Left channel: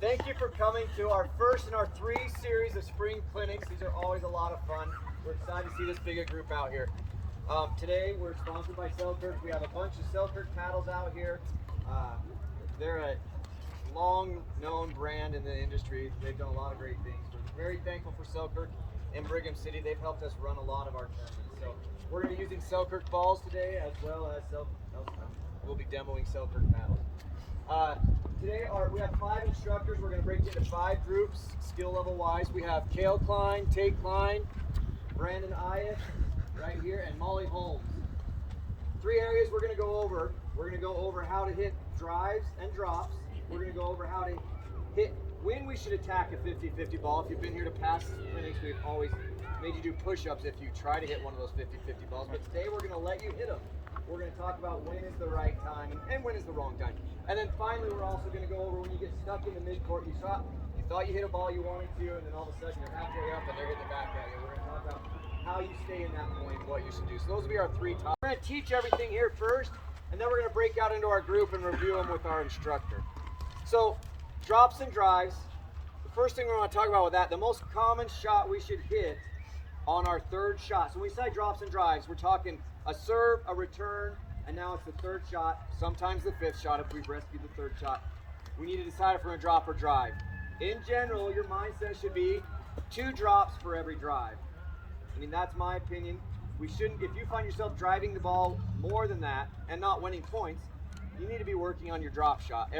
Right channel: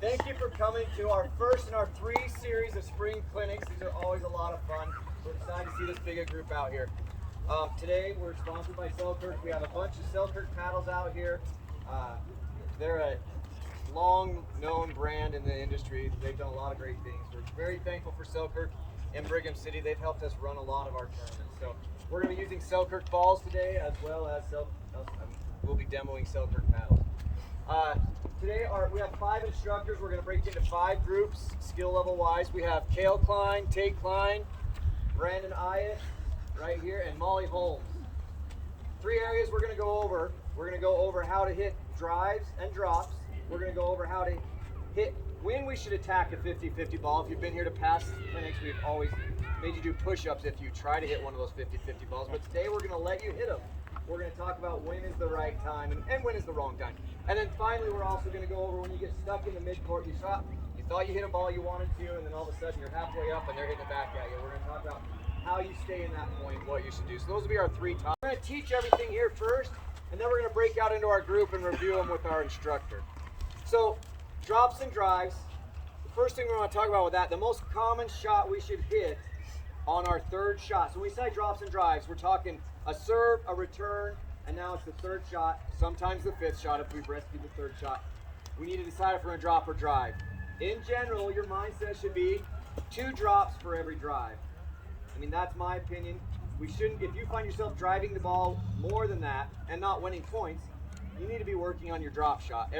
Thank you for coming to our first in our 3 series of spring clinics. These are always a lot of fun. We're excited to see this big group out here. Today we're sponsored by Selkirk. We have a bunch of Selkirk paddles out here. They're a long-known brand in the industry. They've done a lot of great things. We're very thankful for Selkirk and Brigham City. They've helped us run a lot of our tournaments. So we're going to be using Selkirk balls today, as well as we'll be demoing Selkirk paddles. Today we have 5 instructors. We're going to break into 5 groups, skill level wise. We have Kale Klein, Tate Klein, Brandon Ayas right here, and Molly Holmes. 3 areas we're going to go over. We're going to go over how to hit drives and drops. We're going to go over how to hit when we should attack a 50-50 ball. If you've been here to past clinics, we've always made you do push-ups if you try to hit one of those 50-50 balls. But today we're going to let you hit them. We're going to talk about when is the right time and when is the wrong time. And then finally, we're also going to go over when you get stuck in the midcourt. You thought you hit a ball you wanted to, and then all of a sudden you're halfway up and they're hitting it back at you. We're going to talk about how you stay in that point, what you should do. So those will be our 3 topics. We're going to teach everything here first, and then we're going to break out into our group and review them with our instructor. So drops and drives. The first thing we want to talk about with that, the most common shot we should hit on our 3rd shot. So when we say drops and drives, we're talking a serve, a return, and now it's the 3rd shot, sometimes the 5th shot if we've rescued the 3rd shot. We need to decide if we're going to drop or drive. In general, your mindset should be 2 drops for every drive. I mean, that's my opinion. We shouldn't, if you find yourself driving the ball more than that and not winning points, you need to be working on your drop shot.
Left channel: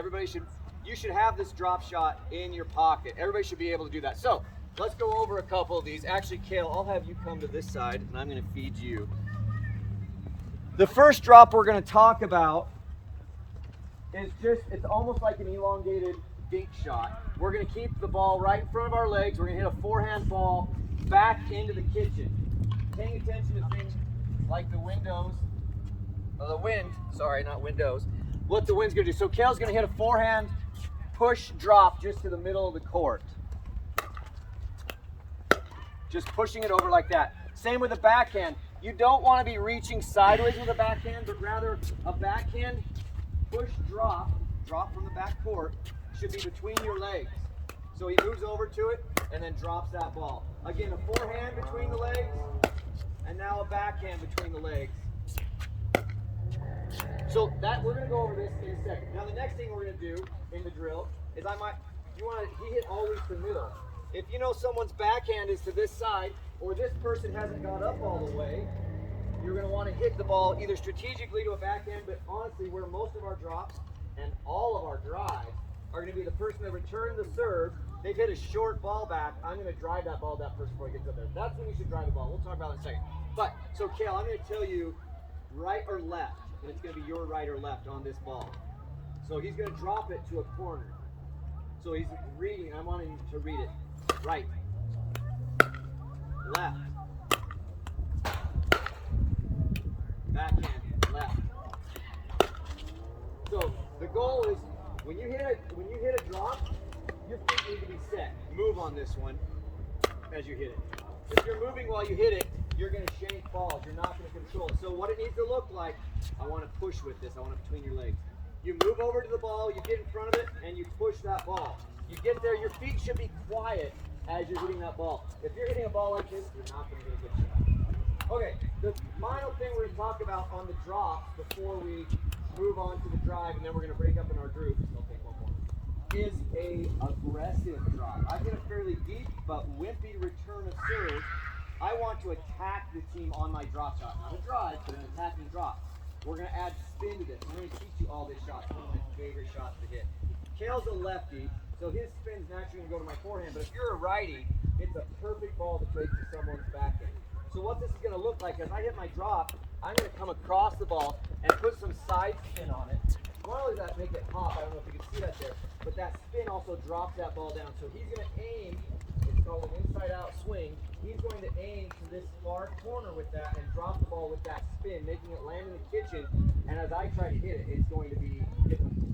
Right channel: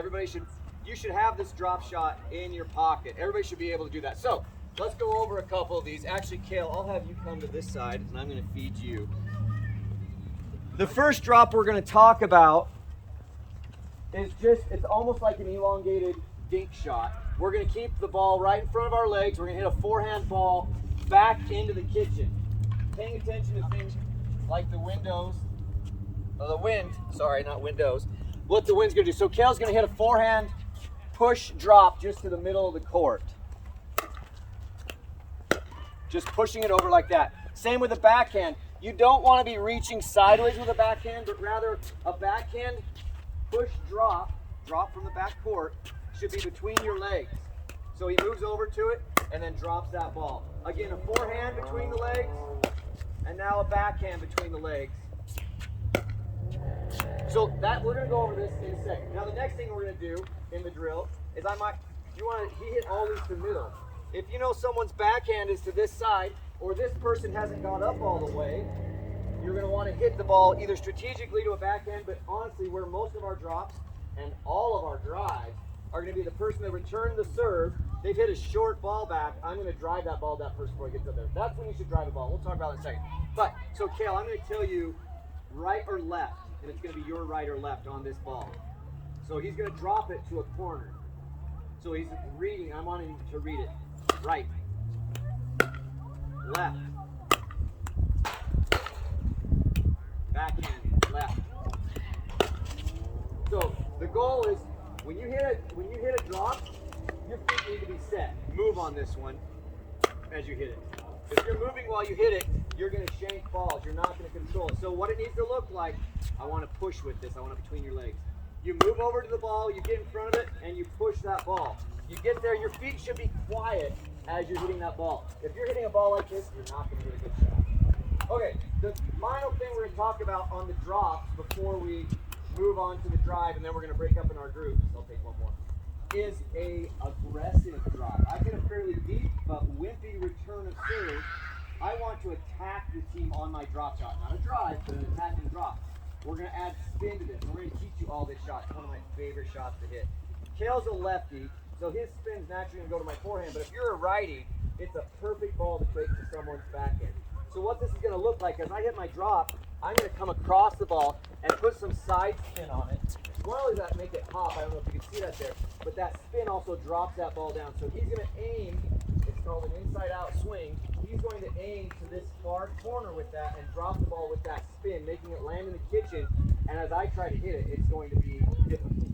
You should have this drop shot in your pocket. Everybody should be able to do that. So let's go over a couple of these. Actually, Kale, I'll have you come to this side and I'm going to feed you. The first drop we're going to talk about is it's almost like an elongated dink shot. We're going to keep the ball right in front of our legs. We're going to hit a forehand ball back into the kitchen. Paying attention to things like the windows, or the wind, sorry, not windows. What the wind's going to do. So Kale's going to hit a forehand push drop just to the middle of the court. Just pushing it over like that. Same with the backhand. You don't want to be reaching sideways with a backhand, but rather a backhand push drop from the back court should be between your legs. So he moves over to it and then drops that ball. Again, a forehand between the legs and now a backhand between the legs. So that we're going to go over this in a second. Now the next thing we're going to do in the drill is he hit always to middle. If you know someone's backhand is to this side, or this person hasn't gone up all the way, you're going to want to hit the ball either strategically to a backhand, but honestly, where most of our drops and all of our drives are going to be the person that returned the serve. They've hit a short ball back. I'm going to drive that ball to that person before he gets up there. That's when you should drive the ball. We'll talk about it in a second. But, so Kale, I'm going to tell you right or left, and it's going to be your right or left on this ball. So he's going to drop it to a corner. So he's reading. I want him to read it. Right. Left. Backhand. Left. So the goal is when you hit a drop, your feet need to be set. Move on this one as you hit it. If you're moving while you hit it, you're going to shank balls. You're not going to control it. So what it needs to look like, I want to push with this. I want it between your legs. You move over to the ball, you get in front of it, and you push that ball. You get there, your feet should be quiet as you're hitting that ball. If you're hitting a ball like this, you're not going to get a good shot. Okay, the final thing we're going to talk about on the drops before we move on to the drive, and then we're going to break up in our groups, I'll take one more, is a aggressive drop. I get a fairly deep but wimpy return of serve. I want to attack the team on my drop shot. Not a drive, but an attacking drop. We're going to add spin to this. We're going to teach you all this shot. It's one of my favorite shots to hit. Kale's a lefty, so his spin's naturally going to go to my forehand, but if you're a righty, it's a perfect ball to take to someone's backhand. So what this is going to look like, as I hit my drop, I'm going to come across the ball and put some side spin on it. Not only does that make it pop, I don't know if you can see that there, but that spin also drops that ball down. So he's going to aim, it's called an inside-out swing. He's going to aim to this far corner with that and drop the ball with that spin, making it land in the kitchen. And as I try to hit it, it's going to be difficult.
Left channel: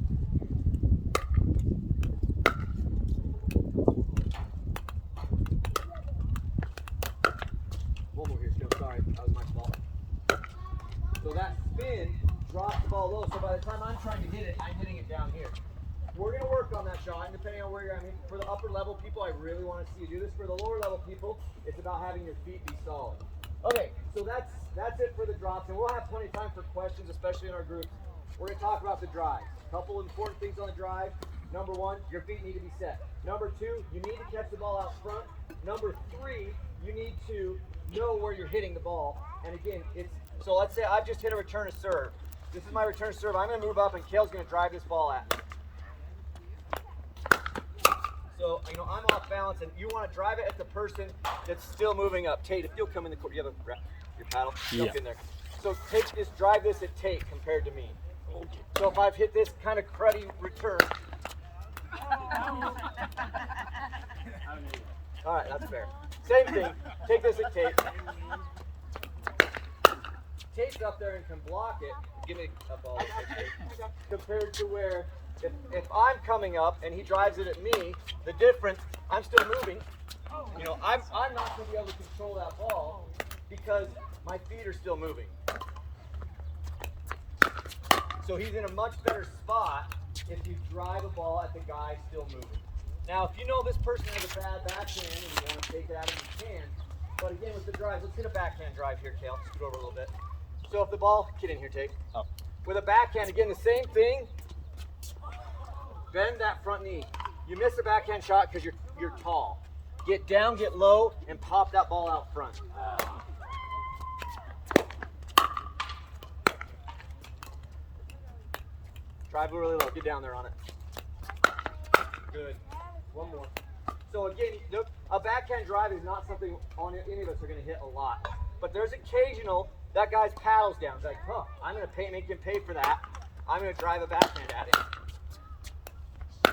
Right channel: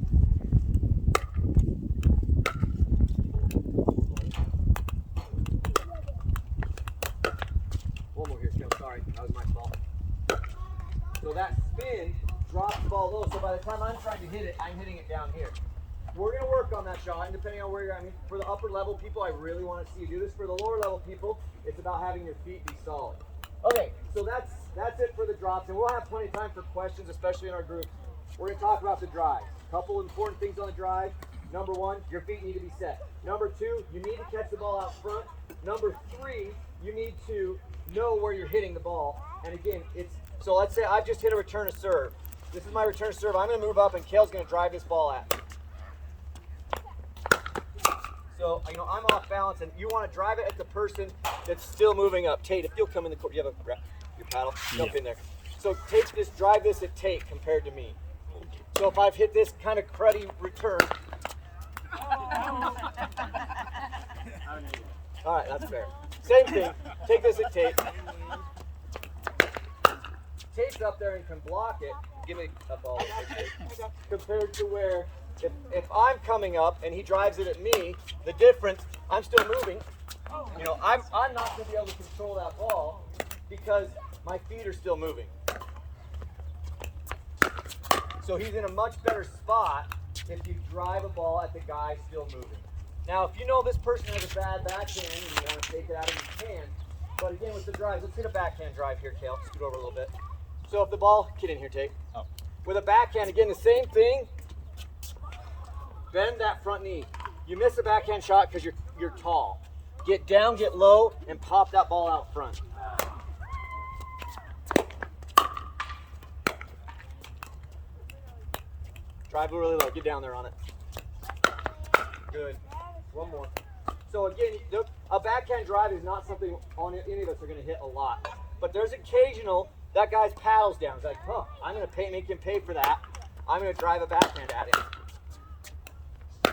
One more here, Skip. Sorry, that was my fault. So that spin drops the ball low. So by the time I'm trying to hit it, I'm hitting it down here. we're going to work on that shot, and depending on where you're at. I mean, for the upper level people, I really want to see you do this. For the lower level people, it's about having your feet be solid. Okay, so that's it for the drops, and we'll have plenty of time for questions, especially in our groups. We're going to talk about the drive. A couple important things on the drive. Number one, your feet need to be set. Number two, you need to catch the ball out front. Number three, you need to know where you're hitting the ball. And again, so let's say I've just hit a return to serve. This is my return to serve. I'm going to move up, and Kale's going to drive this ball at me. So, I'm off balance, and you want to drive it at the person that's still moving up. Tate, if you'll come in the court, you have your paddle? Jump in there. So drive this at Tate compared to me. So if I've hit this kind of cruddy return. All right, that's fair. Same thing. Take this at Tate. Tate's up there and can block it. Give me a ball. Compared to where if I'm coming up and he drives it at me, the difference, I'm still moving. I'm not going to be able to control that ball because my feet are still moving. So he's in a much better spot if you drive a ball at the guy still moving. Now, if you know this person has a bad backhand and you want to take it out of him, you can. But again, with the drives, let's hit a backhand drive here, Kale. Scoot over a little bit. So if the ball, get in here, Tate. With a backhand, again, the same thing. Bend that front knee. You miss a backhand shot because you're tall. Get down, get low, and pop that ball out front. Drive really low. Get down there on it. Good. One more. So again, a backhand drive is not something any of us are going to hit a lot. But there's occasional, that guy's paddles down. It's like, I'm going to make him pay for that. I'm going to drive a backhand at him.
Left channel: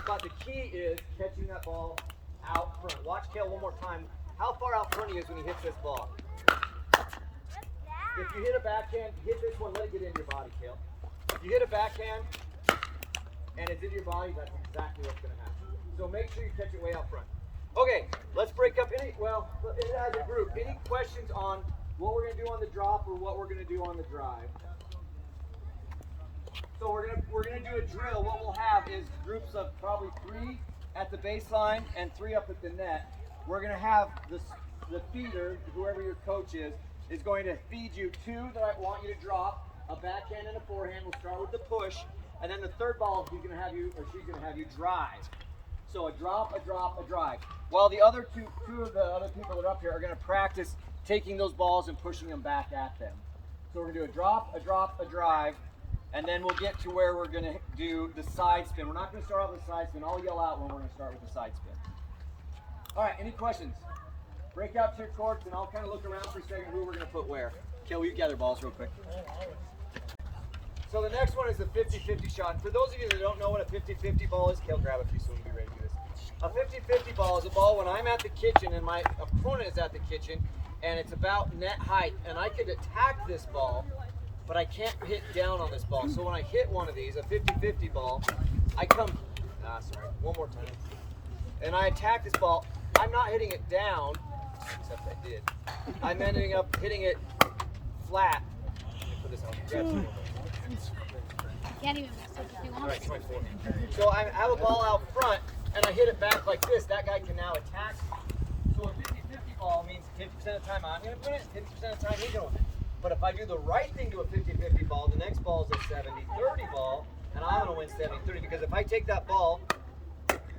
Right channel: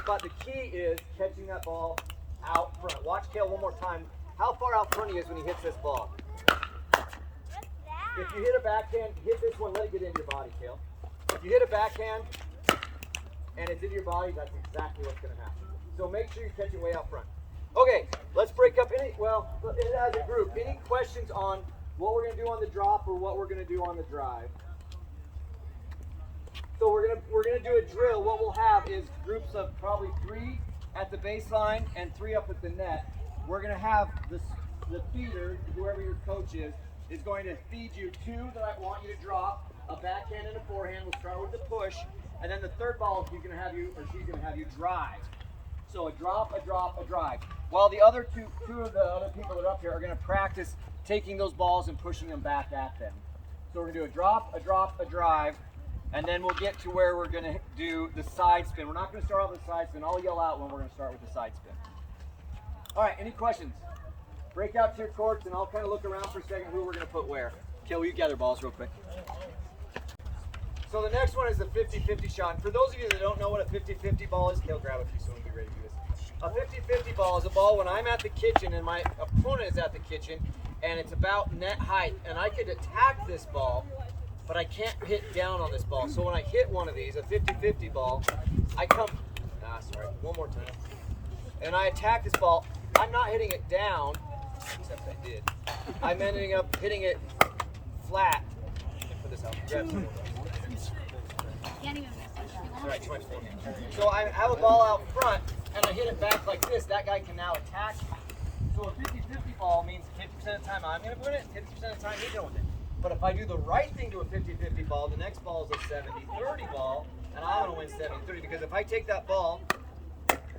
But the key is catching that ball out front. Watch Kale one more time. How far out front he is when he hits this ball. If you hit a backhand, hit this one, let it get into your body, Kale. If you hit a backhand and it's in your body, that's exactly what's going to happen. So make sure you catch it way out front. Okay, let's break up as a group. Any questions on what we're going to do on the drop or what we're going to do on the drive? So we're gonna do a drill. What we'll have is groups of probably 3 at the baseline and 3 up at the net. We're gonna have the feeder, whoever your coach is going to feed you 2 that I want you to drop, a backhand and a forehand. We'll start with the push, and then the third ball he's gonna have you or she's gonna have you drive. So a drop, a drop, a drive. While the other two of the other people that are up here are gonna practice taking those balls and pushing them back at them. So we're gonna do a drop, a drive. And then we'll get to where we're going to do the side spin. We're not going to start off with the side spin. I'll yell out when we're going to start with the side spin. All right, any questions? Break out to your courts, and I'll kind of look around for a second who we're going to put where. Kale, will you gather balls real quick? So the next one is the 50-50 shot. And for those of you that don't know what a 50-50 ball is, Kale, grab a few so we can be ready to do this. A 50-50 ball is a ball when I'm at the kitchen and my opponent is at the kitchen, and it's about net height. And I could attack this ball, but I can't hit down on this ball. So when I hit one of these, a 50-50 ball, I come, one more time. And I attack this ball. I'm not hitting it down, except I did. I'm ending up hitting it flat. Let me put this out. Grab some more balls. All right, try forehand. So I have a ball out front, and I hit it back like this. That guy can now attack me. So a 50-50 ball means 50% of the time I'm going to win it, 50% of the time he's going to win it. But if I do the right thing to a 50-50 ball, the next ball is a 70-30 ball, and I'm going to win 70-30. Because if I take that ball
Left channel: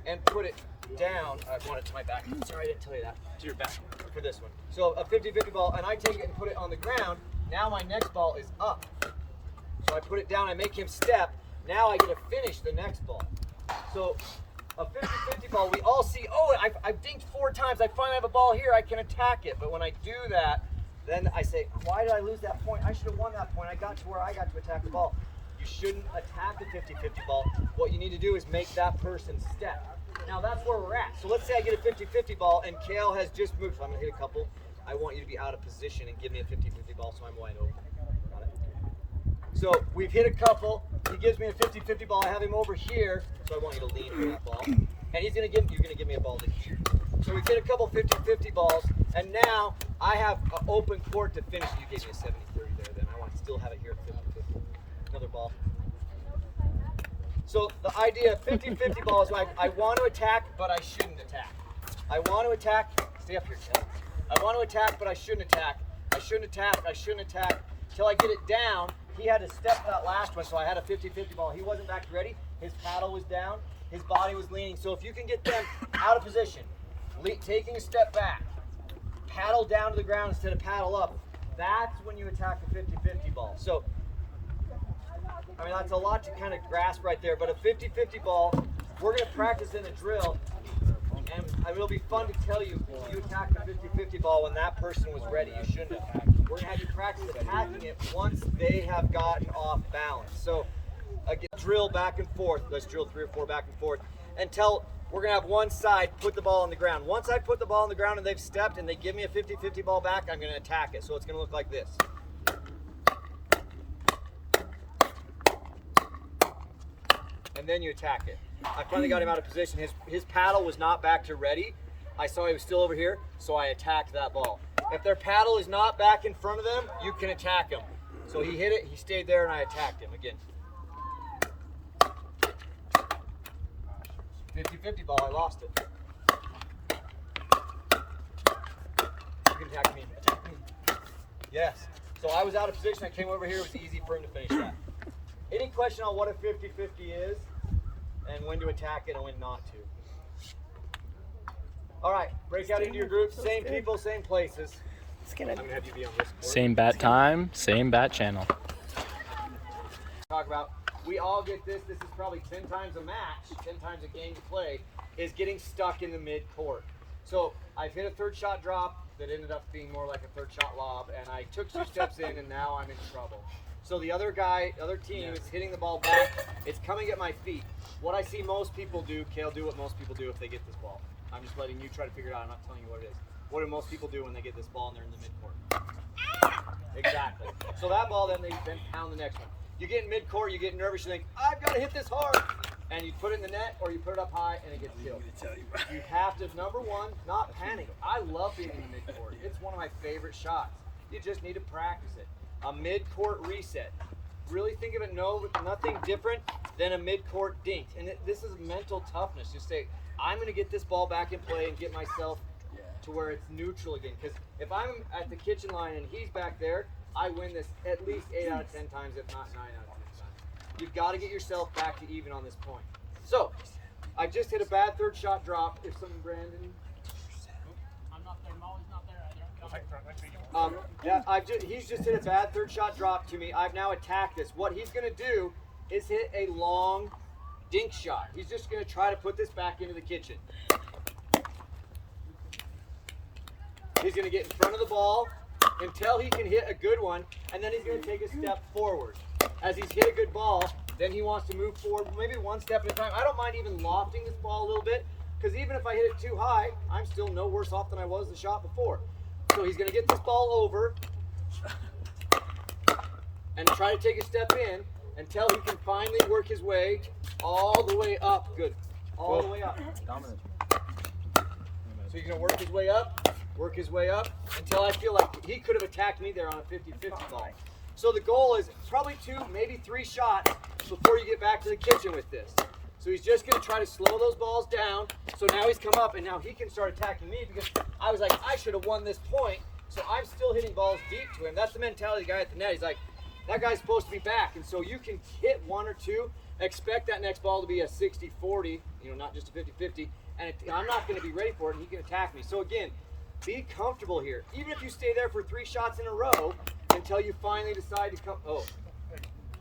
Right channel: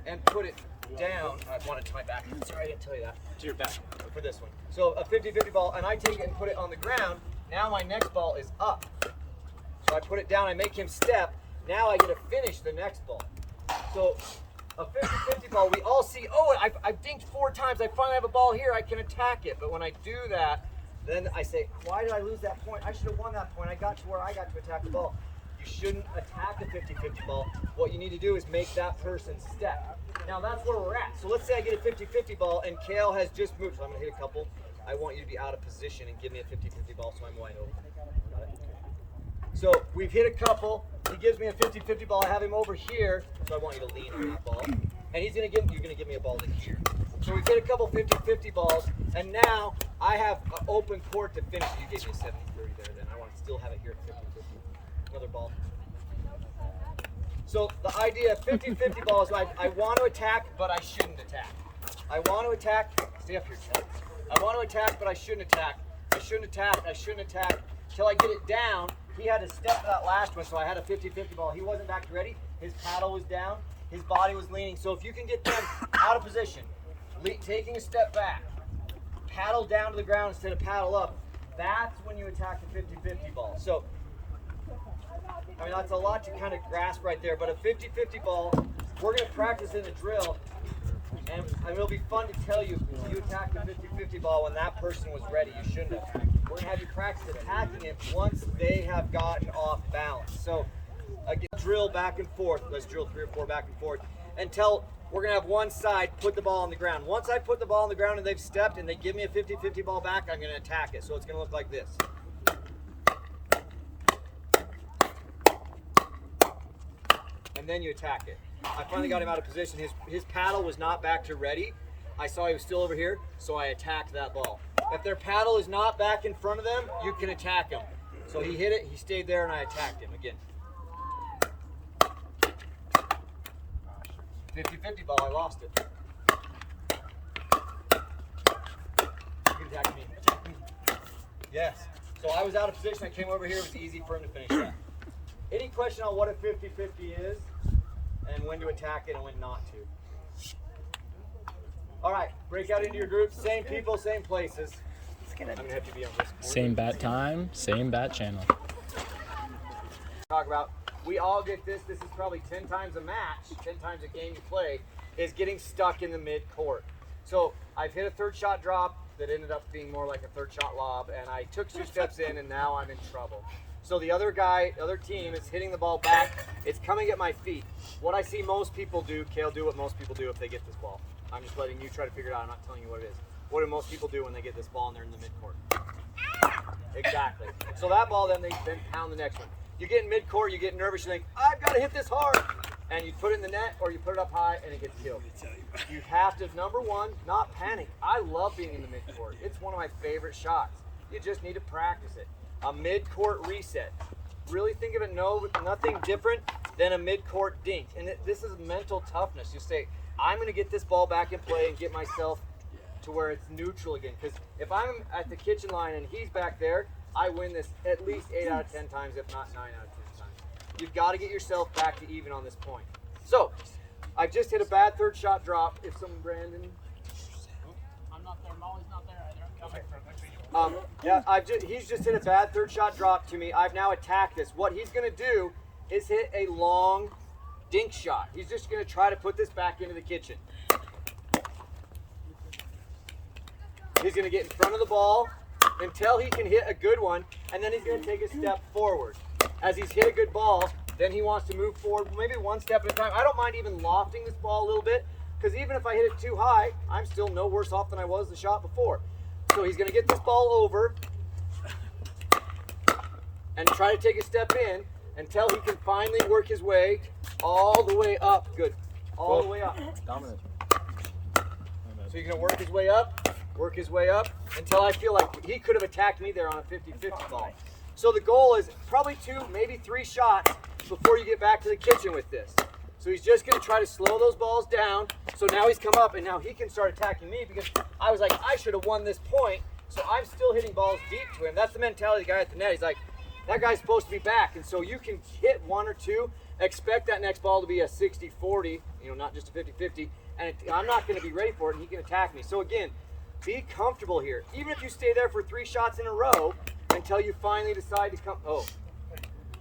and put it down, I want it to my back. Sorry, I didn't tell you that. To your back. For this one. So a 50-50 ball, and I take it and put it on the ground. Now my next ball is up. So I put it down, I make him step. Now I get to finish the next ball. So a 50-50 ball, we all see, I dinked 4 times. I finally have a ball here. I can attack it. But when I do that, then I say, why did I lose that point? I should have won that point. I got to where I got to attack the ball. You shouldn't attack the 50-50 ball. What you need to do is make that person step. Now that's where we're at. So let's say I get a 50-50 ball and Kale has just moved. So I'm going to hit a couple. I want you to be out of position and give me a 50-50 ball so I'm wide open. Got it? So we've hit a couple. He gives me a 50-50 ball. I have him over here. So I want you to lean on that ball. And you're going to give me a ball to here. So we've hit a couple 50-50 balls, and now I have an open court to finish. You gave me a 70-30 there, then I want to still have it here at 50-50. Another ball. So the idea of 50-50 ball is I want to attack, but I shouldn't attack. I want to attack. Stay up here, Taylor. I want to attack, but I shouldn't attack. I shouldn't attack. I shouldn't attack. Till I get it down. He had to step for that last one, so I had a 50-50 ball. He wasn't back ready. His paddle was down. His body was leaning. So if you can get them out of position, taking a step back, paddle down to the ground instead of paddle up, that's when you attack the 50-50 ball. So, I mean, that's a lot to kind of grasp right there, but a 50-50 ball, we're going to practice in a drill, and it'll be fun to tell you, you attacked the 50-50 ball when that person was ready. You shouldn't have. We're going to have you practice attacking it once they have gotten off balance. So, again, drill back and forth. Let's drill 3 or 4 back and forth until we're going to have one side put the ball on the ground. Once I put the ball on the ground and they've stepped and they give me a 50-50 ball back, I'm going to attack it. So it's going to look like this. And then you attack it. I finally got him out of position. His paddle was not back to ready. I saw he was still over here, so I attacked that ball. If their paddle is not back in front of them, you can attack them. So he hit it, he stayed there, and I attacked him again. 50-50 ball, I lost it. You can attack me, attack me. Yes. So I was out of position, I came over here, it was easy for him to finish that. Any question on what a 50-50 is and when to attack it and when not to? All right, break out into your groups, same people, same places. I'm gonna have you be on this court. Same bat time, same bat channel. Talk about, we all get this. This is probably 10 times a match, 10 times a game to play, is getting stuck in the mid-court. So I've hit a third shot drop that ended up being more like a third shot lob, and I took 2 steps in, and now I'm in trouble. So the other team is hitting the ball back. It's coming at my feet. What I see most people do, Kale, do what most people do if they get this ball. I'm just letting you try to figure it out. I'm not telling you what it is. What do most people do when they get this ball and they're in the mid-court? Exactly. So that ball, then they pound the next one. You get in mid-court, you get nervous, you think, I've got to hit this hard. And you put it in the net or you put it up high and it gets killed. You have to, number one, not panic. I love being in the mid-court. It's one of my favorite shots. You just need to practice it. A mid-court reset. Really think of it, nothing different than a mid-court dink. And this is mental toughness. You say, I'm going to get this ball back in play and get myself to where it's neutral again. Because if I'm at the kitchen line and he's back there, I win this at least 8 out of 10 times, if not 9 out of 10 times. You've got to get yourself back to even on this point. So, I just hit a bad third shot drop. If someone, Brandon. I'm not there. Molly's not there either. He's just hit a bad third shot drop to me. I've now attacked this. What he's going to do is hit a long dink shot. He's just going to try to put this back into the kitchen. He's going to get in front of the ball until he can hit a good one, and then he's going to take a step forward. As he's hit a good ball, then he wants to move forward, maybe one step at a time. I don't mind even lofting this ball a little bit, because even if I hit it too high, I'm still no worse off than I was the shot before. So he's going to get this ball over and try to take a step in until he can finally work his way all the way up. Good. All the way up. So he's going to work his way up until I feel like he could have attacked me there on a 50-50 ball. So the goal is probably 2, maybe 3 shots before you get back to the kitchen with this. So he's just going to try to slow those balls down. So now he's come up and now he can start attacking me because I was like, I should have won this point. So I'm still hitting balls deep to him. That's the mentality of the guy at the net. He's like, that guy's supposed to be back. And so you can hit 1 or 2, expect that next ball to be a 60-40, not just a 50-50. And I'm not going to be ready for it and he can attack me. So again, be comfortable here. Even if you stay there for 3 shots in a row until you finally decide to come. Oh,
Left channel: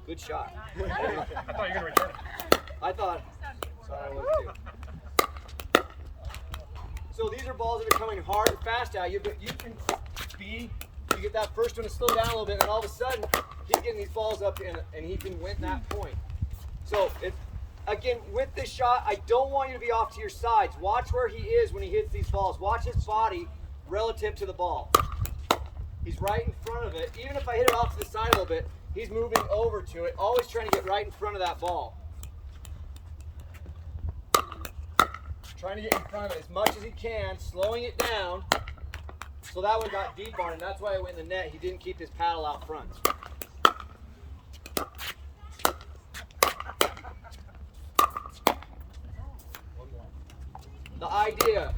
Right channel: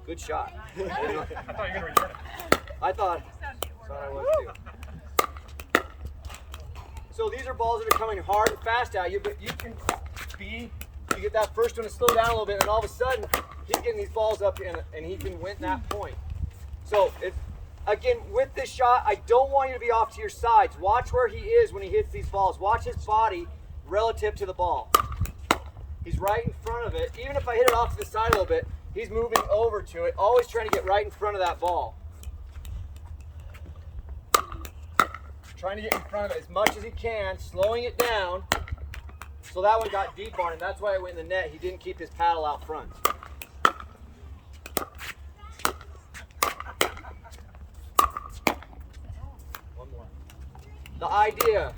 good shot. I thought you were going to return it. I thought I was too. So these are balls that are coming hard and fast at you, but you can you get that first one to slow down a little bit, and all of a sudden, he's getting these balls up, and he can win that point. So, again, with this shot, I don't want you to be off to your sides. Watch where he is when he hits these balls. Watch his body relative to the ball. He's right in front of it. Even if I hit it off to the side a little bit, he's moving over to it, always trying to get right in front of that ball. Trying to get in front of it as much as he can, slowing it down. So that one got deep on him. That's why it went in the net. He didn't keep his paddle out front. The idea,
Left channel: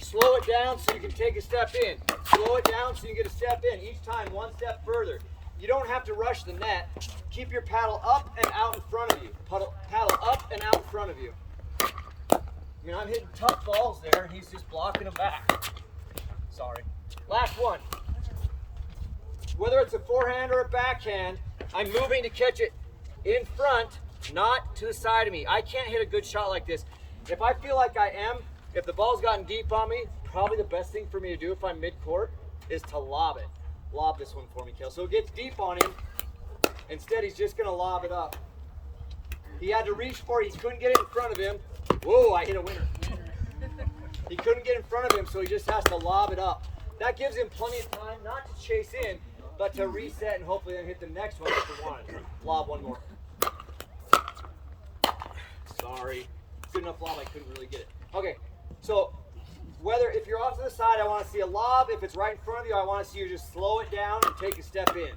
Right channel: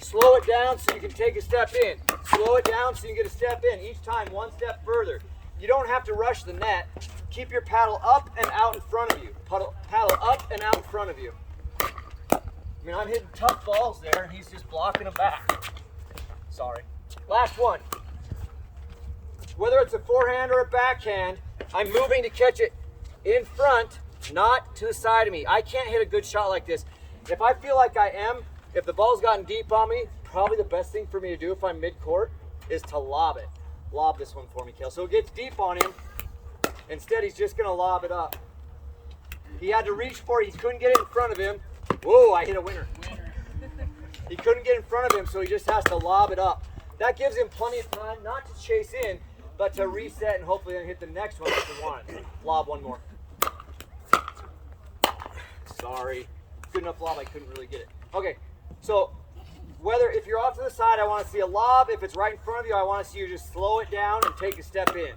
slow it down so you can take a step in. Slow it down so you get a step in. Each time, one step further. You don't have to rush the net. Keep your paddle up and out in front of you. Paddle up and out in front of you. I mean, I'm hitting tough balls there, and he's just blocking them back. Sorry. Last one. Whether it's a forehand or a backhand, I'm moving to catch it in front, not to the side of me. I can't hit a good shot like this. If I feel like I am, if the ball's gotten deep on me, probably the best thing for me to do if I'm mid-court is to lob it. Lob this one for me, Kale. So it gets deep on him. Instead, he's just going to lob it up. He had to reach for it. He couldn't get it in front of him. Whoa, I hit a winner. He couldn't get in front of him, so he just has to lob it up. That gives him plenty of time, not to chase in, but to reset and hopefully then hit the next one like he wanted. Lob one more. Sorry. Good enough lob, I couldn't really get it. Okay, so if you're off to the side, I want to see a lob. If it's right in front of you, I want to see you just slow it down and take a step in.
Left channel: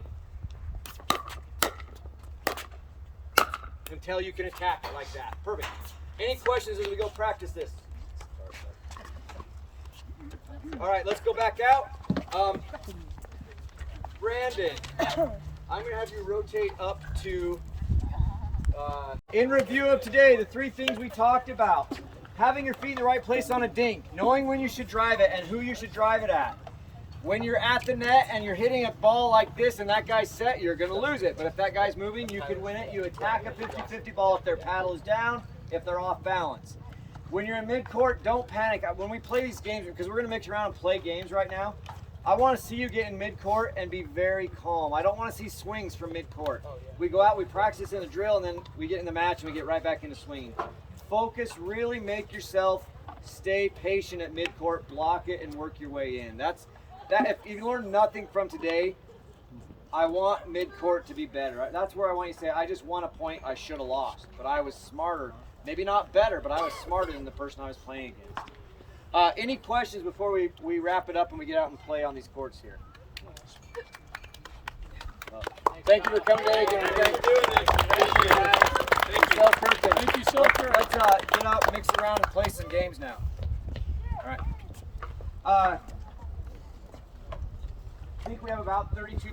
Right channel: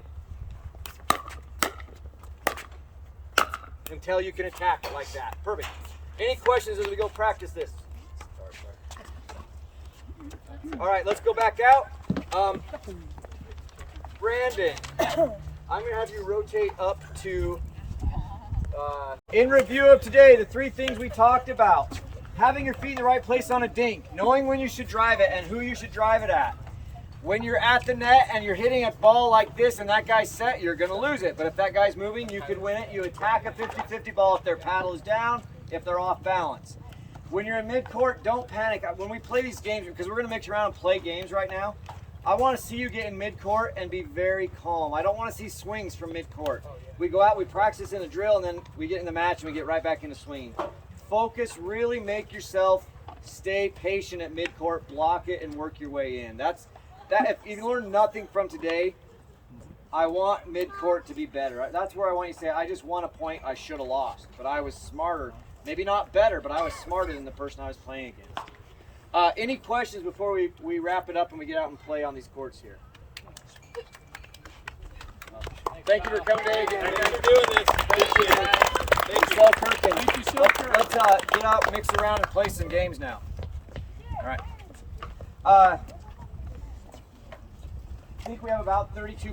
Until you can attack it like that. Perfect. Any questions as we go practice this? Sorry. All right, let's go back out. Brandon, I'm going to have you rotate up to, in review of today, the 3 things we talked about. Having your feet in the right place on a dink, knowing when you should drive it and who you should drive it at. When you're at the net and you're hitting a ball like this and that guy's set, you're going to lose it. But if that guy's moving, you can win it. You attack a 50-50 ball if their paddle is down, if they're off balance. When you're in mid-court, don't panic. When we play these games, because we're going to mix around and play games right now, I want to see you get in mid-court and be very calm. I don't want to see swings from mid-court. We go out, we practice in the drill, and then we get in the match and we get right back into swinging. Focus, really make yourself stay patient at mid-court, block it, and work your way in. If you learn nothing from today, I want mid-court to be better. Right? That's where I want you to say, I just won a point I should have lost, but I was smarter. Maybe not better, but I was smarter than the person I was playing against. Any questions before we wrap it up and we get out and play on these courts here? Thank you for coming today. Thank you, Selkirk. Let's get out, mix around, and play some games now. All right. I think we have about 32